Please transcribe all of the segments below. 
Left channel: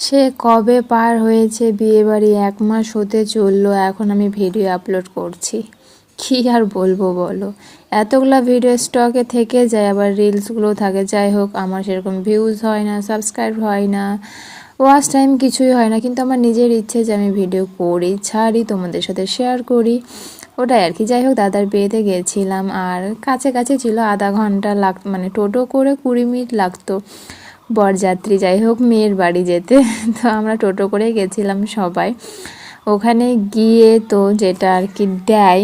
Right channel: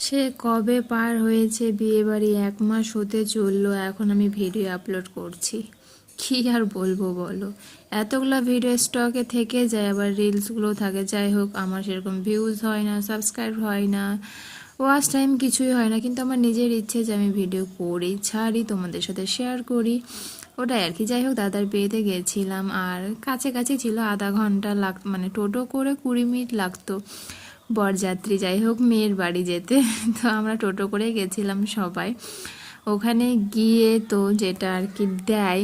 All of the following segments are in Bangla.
সে কবে পার হয়েছে বিয়েবাড়ি, 1 মাস হতে চললো। এখন আমি ভিডিও আপলোড করছি, কি আর বলবো বলো। এতগুলা ভিডিও স্টকে থেকে যায়, আবার রিলসগুলো থাকে। যাই হোক, আমার সেরকম ভিউজ হয় না, সাবস্ক্রাইব হয় না, ওয়াচ টাইম কিছুই হয় না, কিন্তু আমার নিজের ইচ্ছে যে আমি ভিডিও করি, ছাড়ি, তোমাদের সাথে শেয়ার করি, ওটাই আর কি। যাই হোক, দাদার বিয়েতে গেছিলাম, আর কাছে কাছে ছিল, আধা ঘন্টা মানে টোটো করে 20 মিনিট লাগতো বরযাত্রী, যাই হোক, মেয়ের বাড়ি যেতে। তো আমরা টোটো করে গেছিলাম সবাই। ওখানে গিয়ে তো যেটা আর কি দেয়,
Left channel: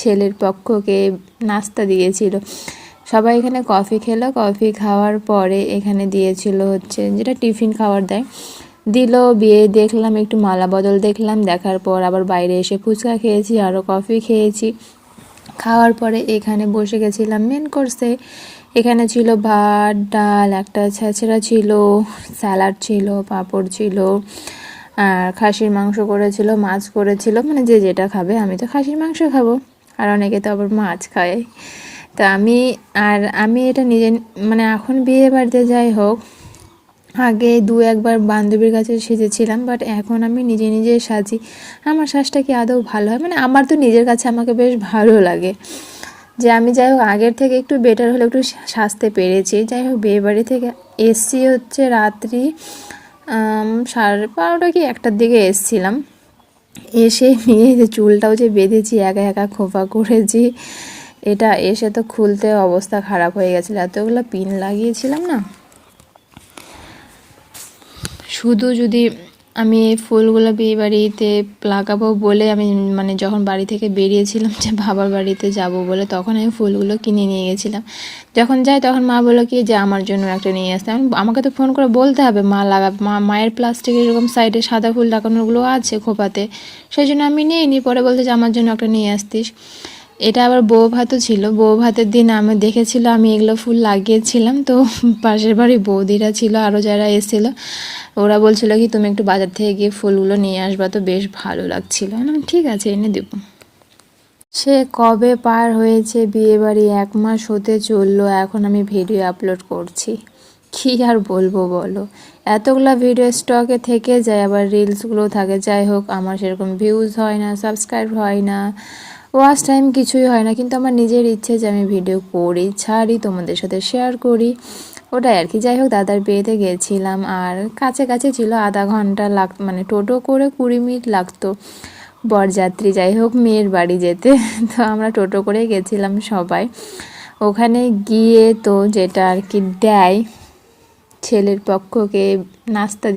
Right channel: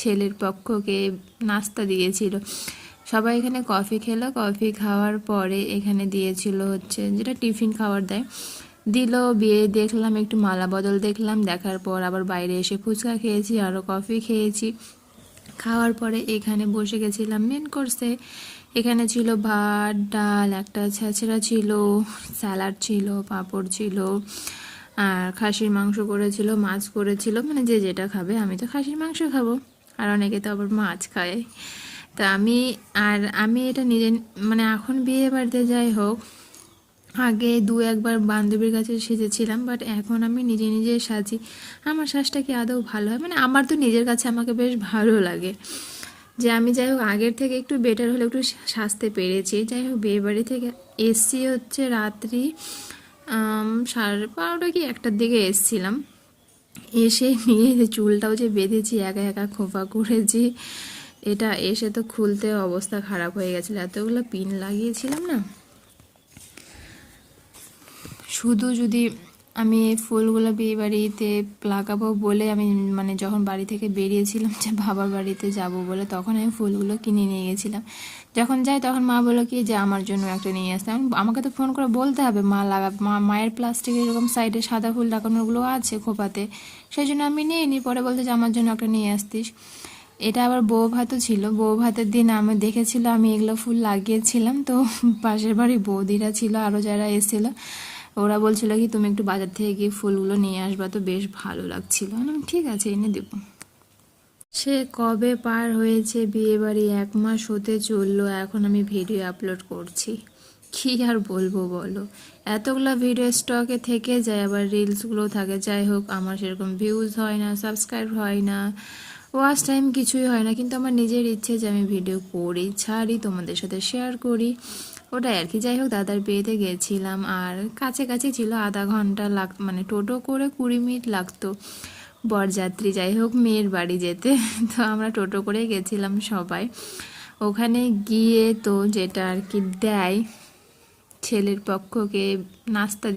ছেলের পক্ষকে নাস্তা দিয়েছিল। সবাই এখানে কফি খেলো, কফি খাওয়ার পরে এখানে দিয়েছিল হচ্ছে যেটা টিফিন খাবার দেয়, দিল। বিয়ে দেখলাম, একটু মালা বদল দেখলাম, দেখার পর আবার বাইরে এসে ফুচকা খেয়েছি, আরও কফি খেয়েছি। খাওয়ার পরে এখানে বসে গেছিলাম মেন কোর্সে। এখানে ছিল ভাত, ডাল, একটা ছেঁচড়া ছিল, স্যালাড ছিল, পাঁপড় ছিল, আর খাসির মাংস করেছিল, মাছ করেছিল, মানে যে যেটা খাবে। আমি তো খাসির মাংস খাবো, আর অনেকে তো আবার মাছ খায়। তো আমি এটা নিজে, মানে এখন বিয়ে বাড়িতে যাই হোক, আগে 2-1 বার বান্ধবীর কাছে সেজেছিলাম, বাট এখন আমি নিজে নিজে সাজি। আমার সাজটা কি আদৌ ভালো হয়? মানে আমার তো নিজের কাছে আমাকে বেশ ভালো লাগে যে আমি, যাই হোক, আগের থেকে একটু বেটার হলে একটু সাজতে পেরেছি। যাই হোক, বিয়েবাড়ি থেকে এসছি হচ্ছে রাত্রি 12:30 কি 1টার দিকে এসছিলাম। এসে নিয়ে যে চুলটাও যে বেঁধেছি, একা একা খোপা করেছি, এটা এসে তো খুলতে অবস্থা খারাপ হয়ে গেছিলো, এতগুলো পিন লাগিয়েছিলাম না। শুধু যদি আমি এই ফুলগুলো বিয়ে বাড়িতে লাগাবো বলে আমি, মানে যখন বাড়ি থেকে বেরিয়েছিলাম যে বাবার বাড়িতে যাব বলে, তখন আমি ফুলগুলো কিনে নিয়ে গেছিলাম। যখন যাই তখন মা বললো কি যে আমার জন্য একটা নিয়ে আসতে। আমাকে তো ফোন করে বলতে হবে, মা লাগাবে, মায়ের প্লাস্টিকের এরকম সাইডে সাদা ফুল লাগানোগুলো আছে খোপাতে, সেই জন্য আমি নিয়ে নিই। পরে বলতে যে আমার জন্য একটা নিয়ে আসতিস। এটা আবার বউ ভাতও ছিল, বউ ভাতের দিন আমি দেখেছিল আমি এগুলো ফুল লাগিয়েছিলাম। তো পাশের বাড়ি বৌদিরা ছিল, আরও যারা এসেছিলো, ওরা বলছিল কি তুমি একটু বাজার থেকে গিয়ে ফুলগুলো নিয়ে আসবা, তো বেশ ভালো লাগছিল। ঠিক আছে, এনে দেবো। সে কবে পার হয়েছে বিয়েবাড়ি, 1 মাস হতে চললো। এখন আমি ভিডিও আপলোড করছি, কি আর বলবো বলো। এতগুলা ভিডিও স্টকে থেকে যায়, আবার রিলসগুলো থাকে। যাই হোক, আমার সেরকম ভিউজ হয় না, সাবস্ক্রাইব হয় না, ওয়াচ টাইম কিছুই হয় না, কিন্তু আমার নিজের ইচ্ছে যে আমি ভিডিও করি, ছাড়ি, তোমাদের সাথে শেয়ার করি, ওটাই আর কি। যাই হোক, দাদার বিয়েতে গেছিলাম, আর কাছে কাছে ছিল, আধা ঘন্টা মানে টোটো করে 20 মিনিট লাগতো বরযাত্রী, যাই হোক, মেয়ের বাড়ি যেতে। তো আমরা টোটো করে গেছিলাম সবাই। ওখানে গিয়ে তো যেটা আর কি দেয়, ছেলের পক্ষকে নাস্তা